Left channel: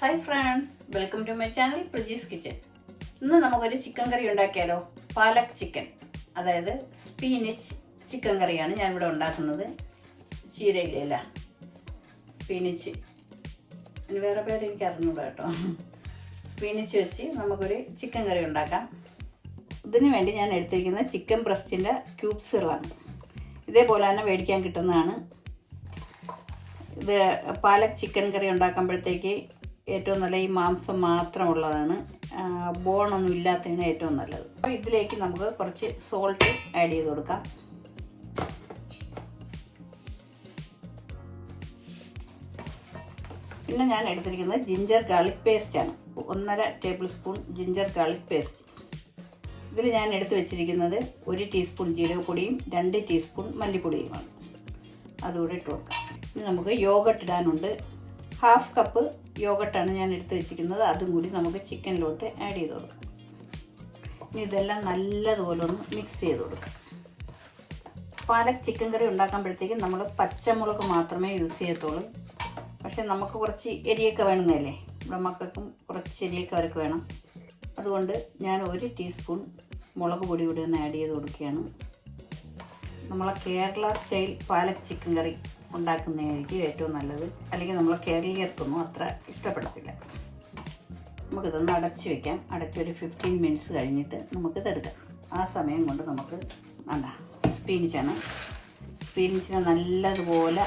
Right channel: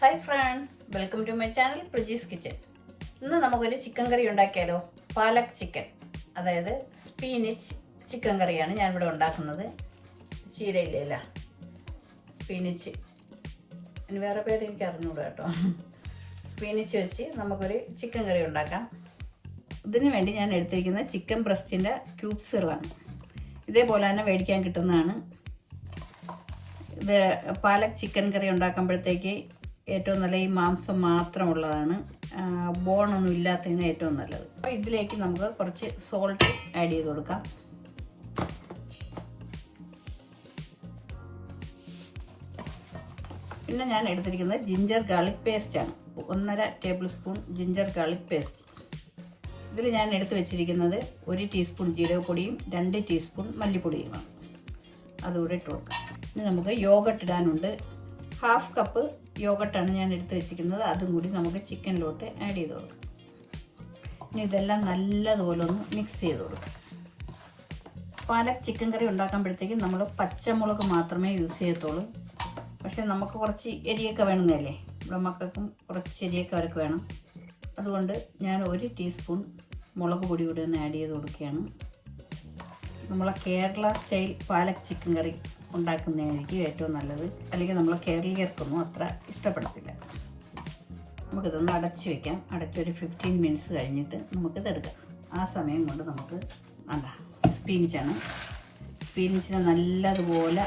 Hi friends, welcome to my channel Prajees kitchen. ഇന്ന് നമുക്കൊരു chicken കറി ഉണ്ടാക്കിയാലോ. പാലക് ചിക്കൻ, അതായത് സ്പീനിച്ച് ചിക്കൻ കറിയാണ് ഞാനിവിടെ ഉണ്ടാക്കുന്നത്. ചീരയിലല്ല, സ്പീനിച്ച്, ഇനി വേറെ പേര് എനിക്ക് അറിഞ്ഞൂടാ കേട്ടോ. സ്പീനിച്ച് വെച്ച് നമുക്കൊരു ചിക്കൻ കറി ഉണ്ടാക്കാം. ഇതിന് വേണ്ടി ഞാൻ എടുത്തിരിക്കുന്നത് ചിക്കൻ ബ്രസ്റ്റിൻ്റെ ക്യൂബ്സുകളാണ്. ഇതേപോലെ തന്നെ മേടിക്കാൻ കിട്ടുന്നതാണ്. ഇത് പാലക് ചിക്കൻ കറി ഉണ്ടാക്കുമ്പോഴത്തേക്ക് ഏറ്റവും നല്ല ഈ മാംസം മാത്രമുള്ളതാണ്, ബോണൊന്നും ഇല്ലാത്തതിന് ഏറ്റവും നല്ലത്. അപ്പോൾ ഇതിലേക്ക് നമുക്ക് കുറച്ച് സോൾട്ട് ആഡ് ചെയ്ത് കൊടുക്കാം. പിന്നെ ഞാൻ എടുത്തിരിക്കുന്നത് ജിഞ്ചർ ഗാർലിക് പേസ്റ്റാണ്. 1.5 tablespoon ginger garlic paste. ഇതിൽ ഞാൻ എടുത്തു വെച്ചിരിക്കുന്നത് 1 ടീസ്പൂൺ ജീരകപ്പൊടിയും 2 ടീസ്പൂൺ മല്ലിപ്പൊടിയുമാണ്. അതുകൂടെ ഇട്ട് കൊടുക്കാം. ഇനി നമുക്ക് യോഗട്ട് ഇടാനുണ്ട്. 1/2 കപ്പ് യോഗട്ടാണ് ഞാൻ എടുത്ത് വെച്ചിരിക്കുന്നത്. അതും കൂടി നമുക്ക് ചിക്കനിലോട്ട് ആഡ് ചെയ്ത് കൊടുക്കാം. ഇനി ഇതെല്ലാം നല്ലതുപോലെ ഒന്ന് മിക്സ് ചെയ്ത് കൊടുക്കാം. പാലക് ചിക്കൻ കറി ഉണ്ടാക്കുമ്പോഴത്തേക്കും നമ്മൾ പച്ചമുളക് മാത്രമേ യൂസ് ചെയ്യത്തുള്ളൂ. പക്ഷെ നമുക്ക് കുറച്ച് എരിയൊക്കെ വേണമെന്നല്ലേ, ഇവിടെ മക്കൾക്കും കുറച്ച് എരിയൊക്കെ അവർക്ക് വേണം. അതുകൊണ്ട് ഞാൻ 1 ടീസ്പൂൺ മുളക് പൊടി കൂടി ഒന്ന് ആഡ് ചെയ്ത് കൊടുക്കുകയാണ്. നമ്മളെ കേരള സ്റ്റൈൽ പാലക് ചിക്കൻ കറി ഉണ്ടാക്കുന്നതായിരിക്കും ഏറ്റവും നല്ലത്. അല്ലെങ്കിൽ നമ്മളെ കേരളീയർക്കൊന്നും അത്ര ഇഷ്ടപ്പെടത്തില്ല. നമുക്കിതൊന്ന് അടച്ച് വയ്ക്കാം. അടച്ചൊരു 15 മിനിറ്റ്സ് കഴിഞ്ഞിട്ട് നമുക്കിതെടുക്കാം. ആ സമയം കൊണ്ട് നമുക്ക് സ്പീനിച്ചാണ്. സ്പീനിച്ചിനെ നല്ലതുപോലെ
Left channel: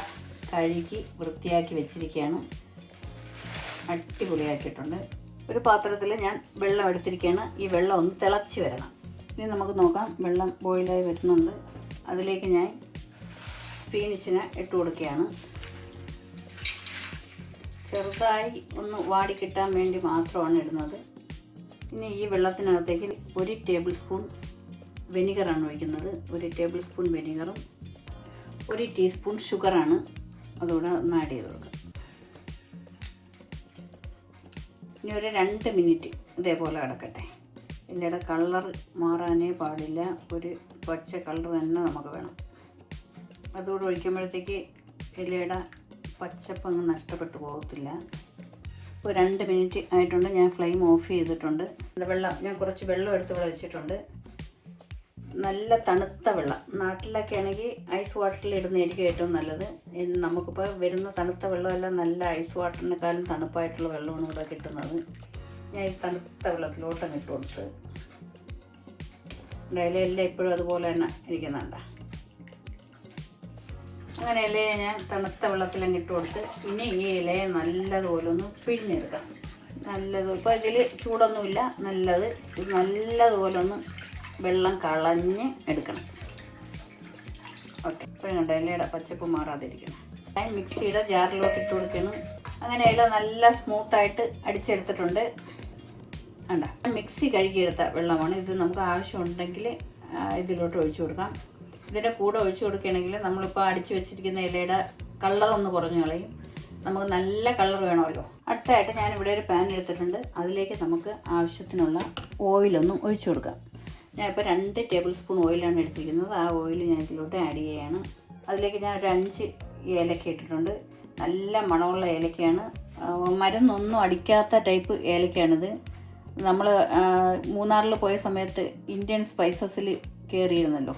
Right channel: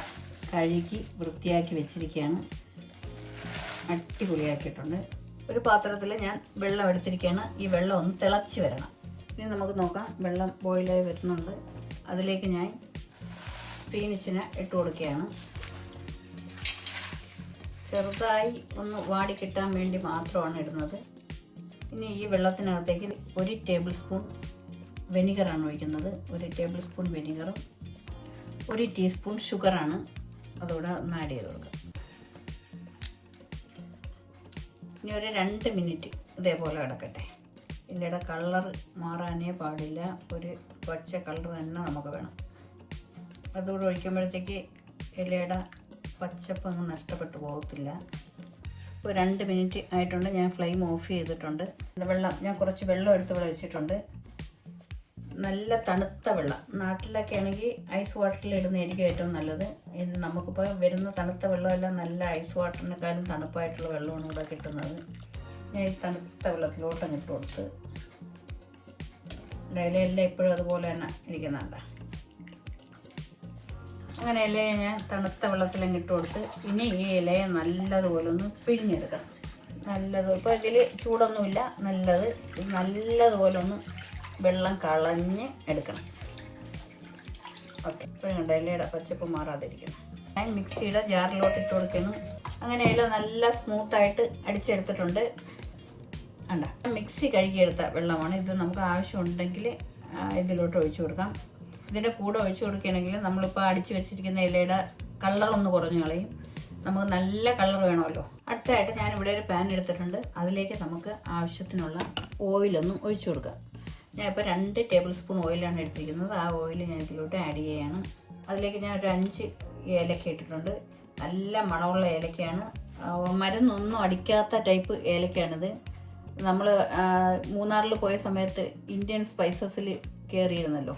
കഴുകി വൃത്തിയാക്കി വെച്ചിരിക്കുകയാണ്. അടിപൊളിയാക്കിയിട്ടുണ്ട്. ഒരു പാത്രത്തിൽ ഞാൻ വെള്ളം എടുത്തിരിക്കുകയാണ്. ഈ വെള്ളം ഒന്ന് തിളച്ച് വരണം. ഇനി നമുക്ക് നോക്കാം. വെള്ളം ബോയിലായി വരുന്നുണ്ട്. അതിലേക്ക് ഞാൻ സ്പീനിച്ചിനെ ഇട്ട് കൊടുക്കുകയാണ്. ചെറുതായി ഒന്ന് വാടി കിട്ടാൻ വേണ്ടി മാത്രമാണ് ഇടുന്നത്. ഇനി ഈ വെള്ളത്തിനകത്തേക്ക് 1 ടേബിൾ സ്പൂൺ വെനിഗറാണ് ഒഴിക്കുന്നത്. 1 ടേബിൾ സ്പൂൺ വെനിഗറും 1 ടീസ്പൂൺ ഷുഗറാണ്. അതുകൂടെ ഒന്ന് ആഡ് ചെയ്ത് കൊടുക്കുക. ഇനി ഒരു 2 മിനിറ്റ് ഇതേപോലെ കിടക്കട്ടെ. ഇല്ലയുടെ കളർ മാറാനേ പാടില്ല. ഒരു പച്ച കളർ തന്നെ നമുക്ക് വേണം. അതുകൂടെ ഒഴിക്കുമ്പോഴത്തേക്ക് ഇലയുടെ പച്ചപ്പ് അങ്ങ് നഷ്ടപ്പെട്ടു പോകത്തില്ല. ഇപ്പോൾ 2 മിനിറ്റ് ആയിട്ടുണ്ട്. ഞാൻ ഫ്ലെയിം ഓഫ് ചെയ്തിട്ടുണ്ട്. ഞാൻ കുറച്ച് വെള്ളം എടുത്ത് ഇവിടെ വെച്ചിട്ടുണ്ട്. നല്ല തണുത്ത വെള്ളം. നാട്ടിലൊക്കെ ആണെങ്കിൽ ഐസ് വാട്ടറിൽ ഇടുന്നതായിരിക്കും ഏറ്റവും നല്ലത്. നമുക്കിപ്പോൾ വരുന്ന തണുത്ത വെള്ളമെല്ലാം നല്ല ഐസ് വാട്ടറിനേക്കാളും തണുപ്പായിട്ടുള്ള വെള്ളമാണ് ഇവിടെ കിട്ടുന്നത്. ഞാൻ ഈ തണുത്ത വെള്ളത്തിലോട്ടങ്ങ് ഇട്ട് കൊടുത്ത് ഇലയെല്ലാം ഇപ്പോഴും അതുപോലെ തന്നെ ഇരിക്കുന്നുണ്ട്. അങ്ങനെ ഇലയെ ഞാൻ തണുത്ത വെള്ളത്തിലങ്ങ് ഇട്ട് കൊടുത്ത് ഇനി ഈ ഇലയെ നല്ലതുപോലെ ഒന്ന് പിഴിഞ്ഞെടുക്കാം. ഇപ്പോൾ ഇതിൽ ചൂടൊന്നുമില്ല. നല്ലതുപോലെ ഒന്ന് വെള്ളം കളഞ്ഞ് എടുക്കണം. ഓക്കെ, ഇപ്പോൾ കണ്ട ഇലയുടെ പച്ചപ്പ് മാറാതിരിക്കണം. ഞാൻ മിക്സിയുടെ ജാറിലോട്ട് ഇട്ട് കൊടുക്കണം. അങ്ങനെ ഇല നല്ല സ്മൂത്തായിട്ട് അടിച്ചെടുത്തിട്ടുണ്ട്. മിക്സി കഴുകിയെടുത്ത വെള്ളമാണ് ഇത്. നമുക്ക് ആവശ്യമുണ്ടെങ്കിൽ ഇതിലോട്ട് ഒഴിച്ചു കൊടുക്കാം. ഇതിൻ്റെ കൂടെ ഒഴിച്ചു കൊടുക്കുകയാണെങ്കിൽ നമ്മളിപ്പോൾ അടിച്ചു വെച്ചിരിക്കുന്ന ഇലയുടെ കളറൊന്ന് കുറഞ്ഞു കളയും. നമുക്ക് നല്ല കളർ വേണമല്ലോ. അടുത്തായിട്ട് ഞാനിവിടെ ഒരു പാൻ എടുത്തിട്ടുണ്ട്. അതിലേക്ക് നമുക്ക് ആവശ്യത്തിനുള്ള ഓയിലൊന്നും ഒഴിച്ചു കൊടുക്കാം. ഞാനിപ്പോൾ 2 ടേബിൾ സ്പൂൺ ഓയിലാണ് എടുത്തിരിക്കുന്നത്. ആ ഓയിൽ ഞാൻ ഇതിലോട്ട് ആഡ് ചെയ്യുകയാണ്. അതിലേക്ക് ഞാൻ ഒരു 5 ഏലക്ക ഇട്ടിട്ടുണ്ട്. നല്ല മണമുള്ള ഏലക്കയാണ്. മരുന്നൊന്നും അടിക്കാത്ത ടൈപ്പ് ഏലക്കയാണിത്. നമ്മൾ മൂന്നാറിൽ പോയ സമയത്ത് ഇന്ത്യൻ സ്പൈസസിൽ കയറിയിരുന്നല്ലോ,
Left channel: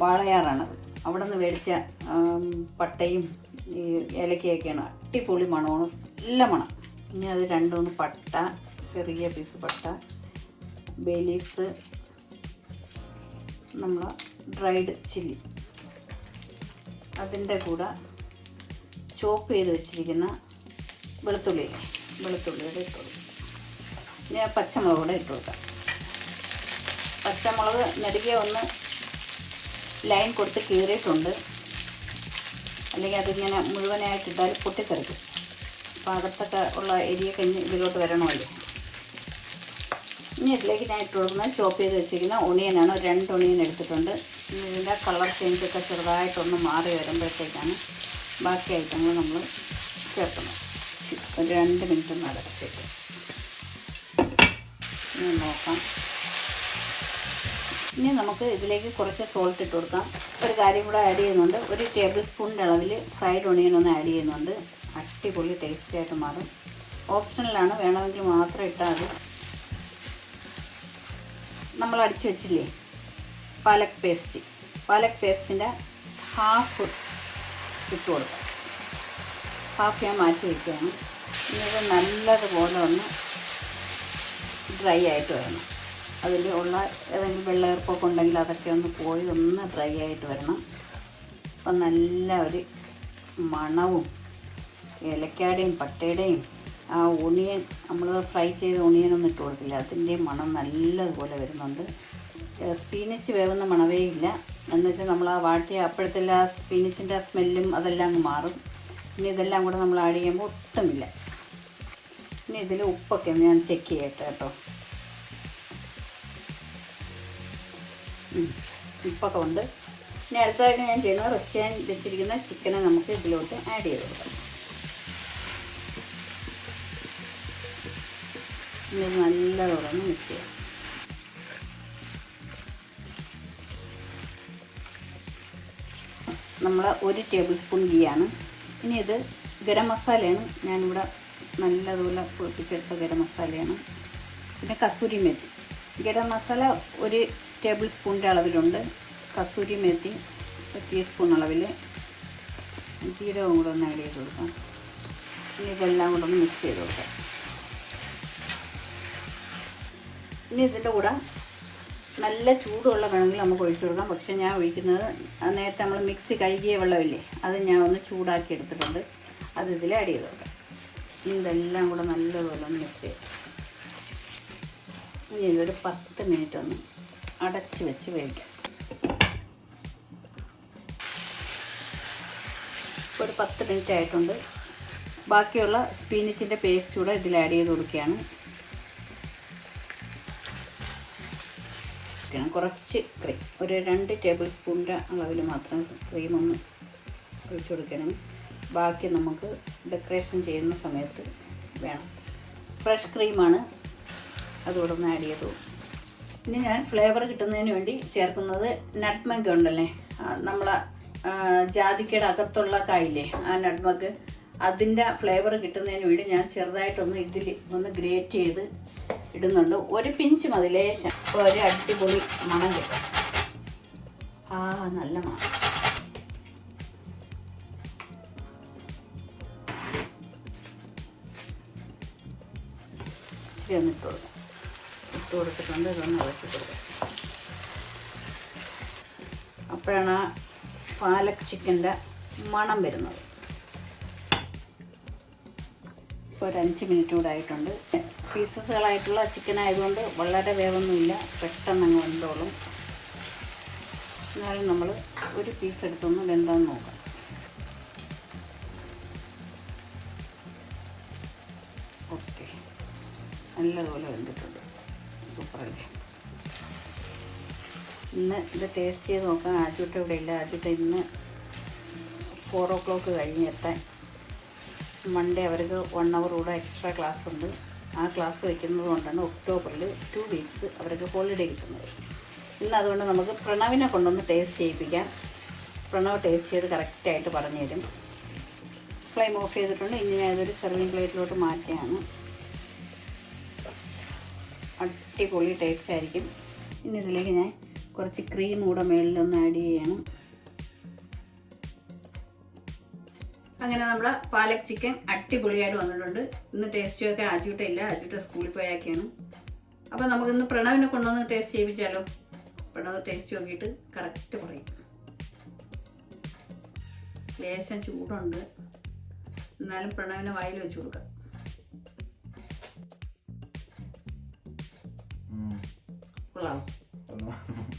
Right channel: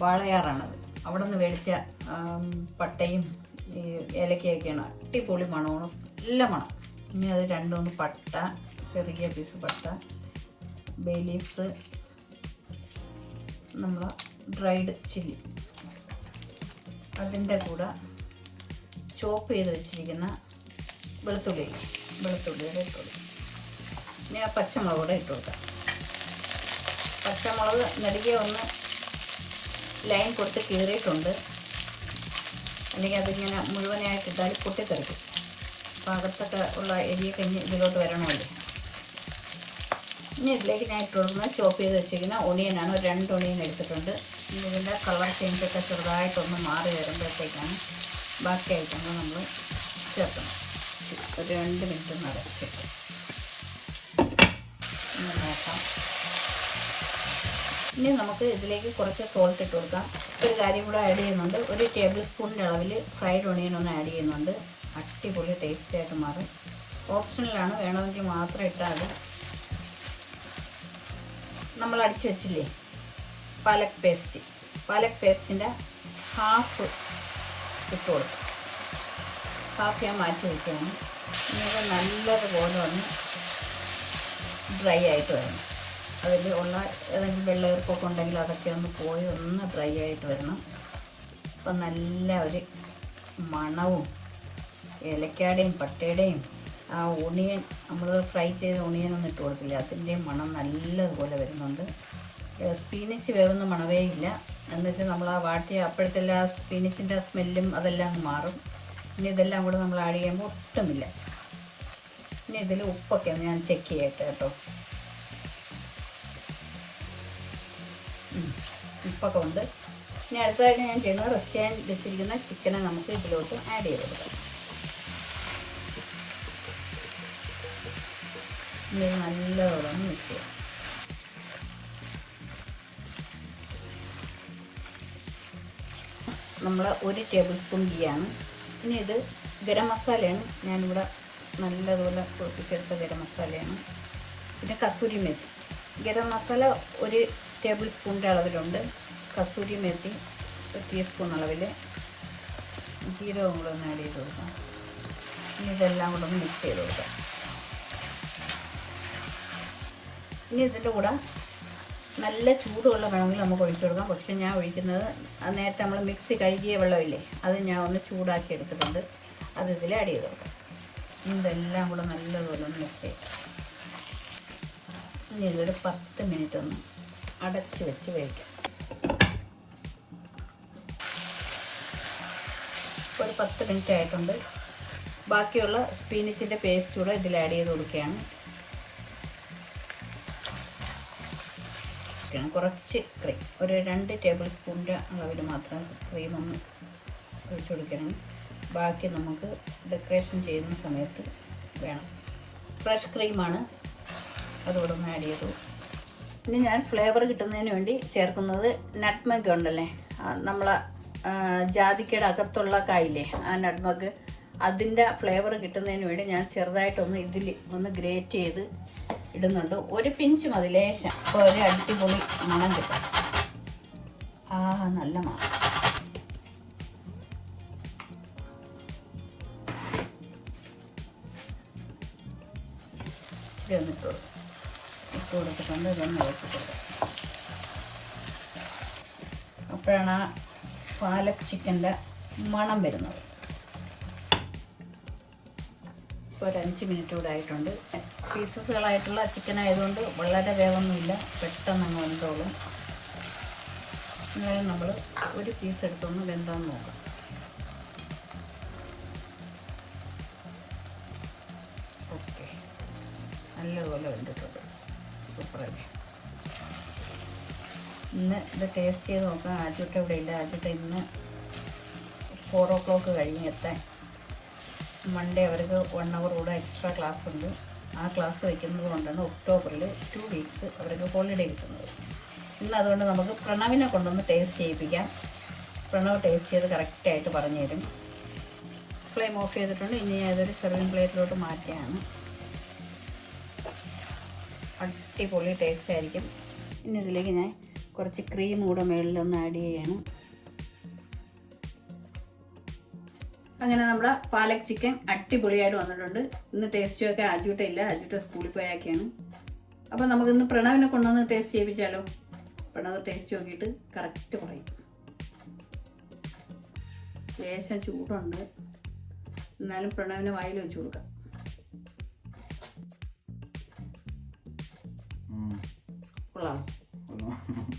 വാളയാറാണത്. അവിടെ നിന്ന് മേടിച്ച പട്ടയും ഏലക്കയൊക്കെയാണ്. അടിപൊളി മണമാണ്, നല്ല മണം. ഇനി അത് 2-3 പട്ട, ചെറിയ പീസ് പട്ട, ബേ ലീഫ്സ്, നമ്മൾ ഡ്രൈഡ് ചില്ലി, അതിൻ്റെ കൂടെ ചോപ്പ് ചെയ്ത് വെച്ചിരിക്കുന്ന വെളുത്തുള്ളിയുടെ ഇട്ട് കൊടുക്കും. ഇനി ആ പച്ചമുളക് കൂടെ ഇട്ട് കൊടുക്കാം. പച്ചമുളക് നെടുകെ ഒന്ന് ലൈൻ കൊടുത്ത് കീറിയിട്ടുണ്ട്. അല്ലെങ്കിൽ അതിങ്ങനെ മുഴുവനായിട്ടിട്ടാൽ പൊട്ടിത്തെറിക്കും. അപ്പോൾ അകത്തൊക്കെ ഉള്ള എരിയൊക്കെ ഇതിലോട്ട് വരണമല്ലോ. ഇനി ഇതിലേക്ക് ഞാൻ ഇട്ട് കൊടുക്കുന്നത് ചോപ്പ് ചെയ്ത് വെച്ചിരിക്കുന്ന ഒണിയനാണ്. ഒരു 2 ഒണിയൻ എടുത്തിട്ടുണ്ട്. ഇനി ഇതിൻ്റെ കളർ ചേഞ്ചൊക്കെ ചെറുതായിട്ടൊന്ന് മാറി വരുമ്പോഴത്തേക്കാണ് ബാക്കി ഐറ്റങ്ങൾ നമ്മൾ ചേർക്കണം. ഒരു 2 മിനിറ്റ് ഒന്ന് അടച്ചിട്ട് നോക്കാം. ഇനി നമുക്ക് ഇതിലേക്ക് കുറച്ച് സോൾട്ട് ഇട്ട് കൊടുക്കാം. ഒരു കാര്യം കൂടെ ആഡ് ചെയ്യുന്നുണ്ട്. 1 ടേബിൾ സ്പൂണിൻ്റെ അളവിൽ ഫ്രൈഡ് ഒണിയൻ ഒന്ന് ആഡ് ചെയ്യുന്നുണ്ട്. അടിപൊളി ടേസ്റ്റായിട്ട് മാറും. ഓപ്ഷനിലാണ്, വേണമെങ്കിൽ മാത്രം ഇട്ടാൽ മതി. നമ്മൾ അടിച്ചു വെച്ചില്ലേ പാലക് പേസ്റ്റിൻ്റെ ഹാഫ് ഇട്ട് കൊടുക്കും. ഹാഫ് ഞാൻ മാറ്റി വയ്ക്കുകയാണ്. ഇത് നല്ലതുപോലെ ഒന്ന് ഡ്രൈ ആയിട്ട് വരണം. അതിൽ ഉള്ള ഏതെങ്കിലും വെള്ളയീർപ്പൊക്കെ ഉണ്ടെങ്കിൽ അതൊക്കെ ഒന്ന് പോയി ഒന്ന് ഡ്രൈ ആയിട്ട് വരണം. അപ്പം നല്ല ഒരു മണവും ഏലക്കാടേയും പട്ടയുടെയും ആ ഒണിയൻ, നമ്മൾ ഫ്രൈ ചെയ്ത ഒണിയനൊന്നും ഇട്ട് കൊടുത്തില്ല, അതിൻ്റെയും മണം നല്ലതുപോലെ വരുന്നുണ്ട്. സ്പീനിച്ച് വേവുന്ന മണവേ ഇല്ല. എന്ന് വെച്ചാൽ നമ്മൾ ആ വാട്ടിയ അപ്പോഴത്തെ ആ സ്പീനിച്ചിൻ്റെ സ്മെല്ലും അതെല്ലാം അങ്ങ് മാറും. ഇനി ഇതെല്ലാം കൂടെ നമ്മൾ ആഡ് ചെയ്യുമ്പോൾ ഒട്ടുമില്ല. ഇനി ഇതിൽ ഉപ്പൊക്കെ ഞാൻ ചെക്ക് ചെയ്യട്ടെ കേട്ടോ. ഉപ്പൊക്കെ ഉണ്ട്. ഇനി അടുത്തതായിട്ട് ഞാൻ ചെയ്യുന്നത് റെസ്റ്റ് ചെയ്യാൻ വെച്ചിരിക്കുന്ന ചിക്കനെ നമുക്ക് ഇതിലോട്ട് ആഡ് ചെയ്ത് കൊടുക്കാം. ഇത് നല്ലതോടെ മിക്സ് ചെയ്യാം. നമ്മൾ 1 ടേബിൾ സ്പൂൺ ഗീയാണ്. ഇനി ഇത് ഗരം മസാലയാണ്, ഞാനിവിടെ നല്ലതുപോലെ പൊടിപ്പിച്ചെടുത്ത ഗരം മസാലയാണ്. പിന്നെ കസൂരി മേത്തി, ഗരം മസാല 1 ടേബിൾ സ്പൂണിൻ്റെ അളവിലുണ്ട്. കസൂരി മേത്തി 1 ടീസ്പൂൺ അളവിൽ, ജീരകവും കൂടെ ഒന്ന് ആഡ് ചെയ്ത് കൊടുക്കാം. ഇനി ഇതെല്ലാം കൂടെ ഒന്ന് മിക്സ് ചെയ്ത് കൊടുക്കാം. ഇനി ഇതിൻ്റെ കൂടെ നല്ല ചൂടുവെള്ളം വേണമെങ്കിൽ നമുക്ക് ഒഴിച്ചു കൊടുക്കാം. പക്ഷേ ഞാൻ ഒഴിക്കുന്നത് നേരത്തെ നമ്മൾ മിക്സി കഴുകിയ വെള്ളമില്ലേ, അത് ഞാൻ ഒന്ന് ചൂടാക്കി എടുത്തിട്ടുണ്ട്. അത് ഇതിൽ ആഡ് ചെയ്ത് കൊടുക്കാം. ഇതെല്ലാം കൂടെ നല്ലതുപോലെ ഒന്ന് മിക്സ് ചെയ്യാം. ഇനി ഇതൊരു 10 മിനിറ്റ് ഒന്ന് അടച്ച് വെച്ച് വേവിക്കാം. ഒരു 10 മിനിറ്റ് ആയിട്ടുണ്ട്. ബാക്കിയുള്ള സ്പീനിച്ചിൻ്റെ പേസ്റ്റ് കൂടെ ഇതിൽ ആഡ് ചെയ്ത് കൊടുക്കുകയാണ്. കുറച്ച് ക്രീം, ഒരു 2 ടേബിൾ സ്പൂണിൻ്റെ അളവിൽ മാത്രം ക്രീം ഒന്ന് ഒഴിച്ച് കൊടുക്കണം. ബാക്കി നമുക്ക് ഡെക്കറേഷൻ ചെയ്യുന്ന സമയത്ത് വേണം. ഫ്രഷ് ക്രീമാണ്, അതുകൂടെ ഒന്ന് ആഡ് ചെയ്തു. ഇനി ഞാൻ ഫ്ലേവർ കിട്ടുന്നതിന് വേണ്ടി ചേർക്കുന്നത് നട്ട്മഗ് ഉണ്ടല്ലേ, നമ്മളെ ജാതിക്കയുടെ അകത്തുള്ള കായില്ലേ, ആ നട്ട്മഗ്, അതിൻ്റെ ഫ്ലേവർ കിട്ടുന്നതിന് വേണ്ടി ഞാൻ ചെറുതായിട്ടൊന്ന് ഇതിൽ ഒന്ന് ഗ്രേറ്റ് ചെയ്ത് ഇടുന്നുണ്ട്. 1 പിഞ്ച് മതി, ലേശം. ഒരു അടിപൊളി മണം കിട്ടും. നല്ല മണം. ഇട്ട് കൊടുത്തിട്ടുണ്ട്. ഇതൊന്ന് ഇളക്കി കൊടുക്കാം. അപ്പോഴാണ് ആ പാലക് ചിക്കൻ്റെ മണം വരുന്നത്. ഒരു 5 മിനിറ്റ് കൂടെ ആയിട്ടുണ്ട്. പീസസുകളായിട്ടുള്ള ചിക്കൻ ആയതുകൊണ്ട് വളരെ വേവൊന്നുമില്ല, പെട്ടെന്ന് അങ്ങ് വെന്തോളും. എന്നാലും നമ്മൾ ഒരു പീസ് എടുത്തൊന്ന് വെന്താന്ന് നോക്കാം. ഓക്കെ, നല്ലപോലെ വെന്തിട്ടുണ്ട്. സൂപ്പറല്ലേ. ഇന്ന് ഇത് ടേസ്റ്റ് ചെയ്ത് നോക്കാം. ആദ്യത്തെ ഇവിടെ ഇല്ല. ആദ്യത്തെ ഇന്ന് 4 o'clock കഴിഞ്ഞ് എത്താൻ. മൺഡേ അവർക്ക് 1 hour കൂടെ എക്സ്ട്രാ ക്ലാസ് ഉണ്ട്. ആ ക്ലാസ് വയ്ക്കുന്നത് കൊണ്ടാണ് ഒക്ടോബറിൽ 2 weeks അവർക്ക് ഹോളിഡേ കിട്ടുന്നത്. ഇന്ന് അതുകൊണ്ട് നമുക്ക് പ്രണവിനെ കൊണ്ടൊന്ന് ടേസ്റ്റ് ചെയ്യിപ്പിക്കാം. പ്രണവ് ടേസ്റ്റ് ചെയ്ത് കറക്റ്റായിട്ട് പറഞ്ഞു തരും. ഫ്ലെയിം ഓഫ് ചെയ്തിട്ടുണ്ട്. ഇനി ഞാൻ ഇതൊരു സെർവിങ് പ്ലേറ്റിലോട്ട് മാറ്റിയാണ്. അടിപൊളി ടേസ്റ്റ് ആയിരിക്കും. ഇനി ഇതിലേക്ക് ഞാൻ കുറച്ച് ക്രീം കൂടെ മുകളിലൊന്ന് ആഡ് ചെയ്യണം. അങ്ങനെ നമ്മുടെ പാലക് ചിക്കൻ അടിപൊളിയായിട്ട് വന്നിട്ടുണ്ട്. ഇന്ന് ടേസ്റ്റ് ഒക്കെ ആജൂട്ട ഇല്ല, ആജൂട്ട സ്കൂളിൽ പോയൊക്കെയാണ്. അപ്പോൾ നമുക്കിന്ന് പ്രണവിനെ കൊണ്ടുവന്ന് ടേസ്റ്റ് ചെയ്യിപ്പിച്ചാലോ. പ്രണവ് ടേസ്റ്റ് നോക്കിയിട്ട് കറക്റ്റ് പറയും. ലേശം ചൂടുണ്ട്, എന്നാലും പ്രണവിനെ വായിൽ വെച്ച് കൊടുക്കാം. കൊള്ളാം,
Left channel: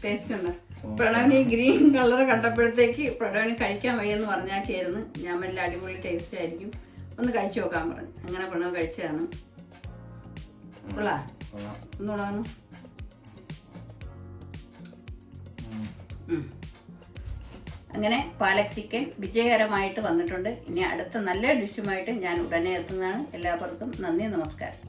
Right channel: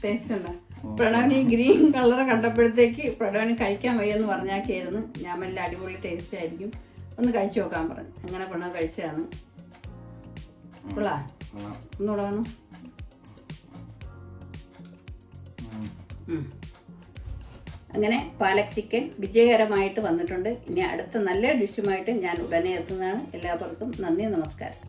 ടേസ്റ്റ് ഉണ്ട്. പ്രണവിന് ഈ ഗ്രീൻ കളർ കണ്ടപ്പോഴത്തേക്ക് പ്രണവിന് കഴിക്കാൻ വയ്യെന്ന് പറഞ്ഞാക്കിയായിരുന്നു. ഞാൻ നല്ല അടിപൊളി ടേസ്റ്റ് ആയിരിക്കും, ഒന്ന് കഴിച്ചു നോക്കാൻ പറഞ്ഞു. അങ്ങനെ പ്രണവ് കഴിച്ചതാണ്. കൊള്ളാം, ഒന്നുകൂടെ വന്നു. അങ്ങനെ പാലക് ചിക്കൻ വിജയകരമായിട്ട് വന്നിട്ടുണ്ട്. ഇനി അടുത്ത നല്ല ഡിഷുമായിട്ട് ഞാൻ ഉടനെ എത്തുന്നതാണ്. എല്ലാവർക്കും നന്ദി, നമസ്കാരം.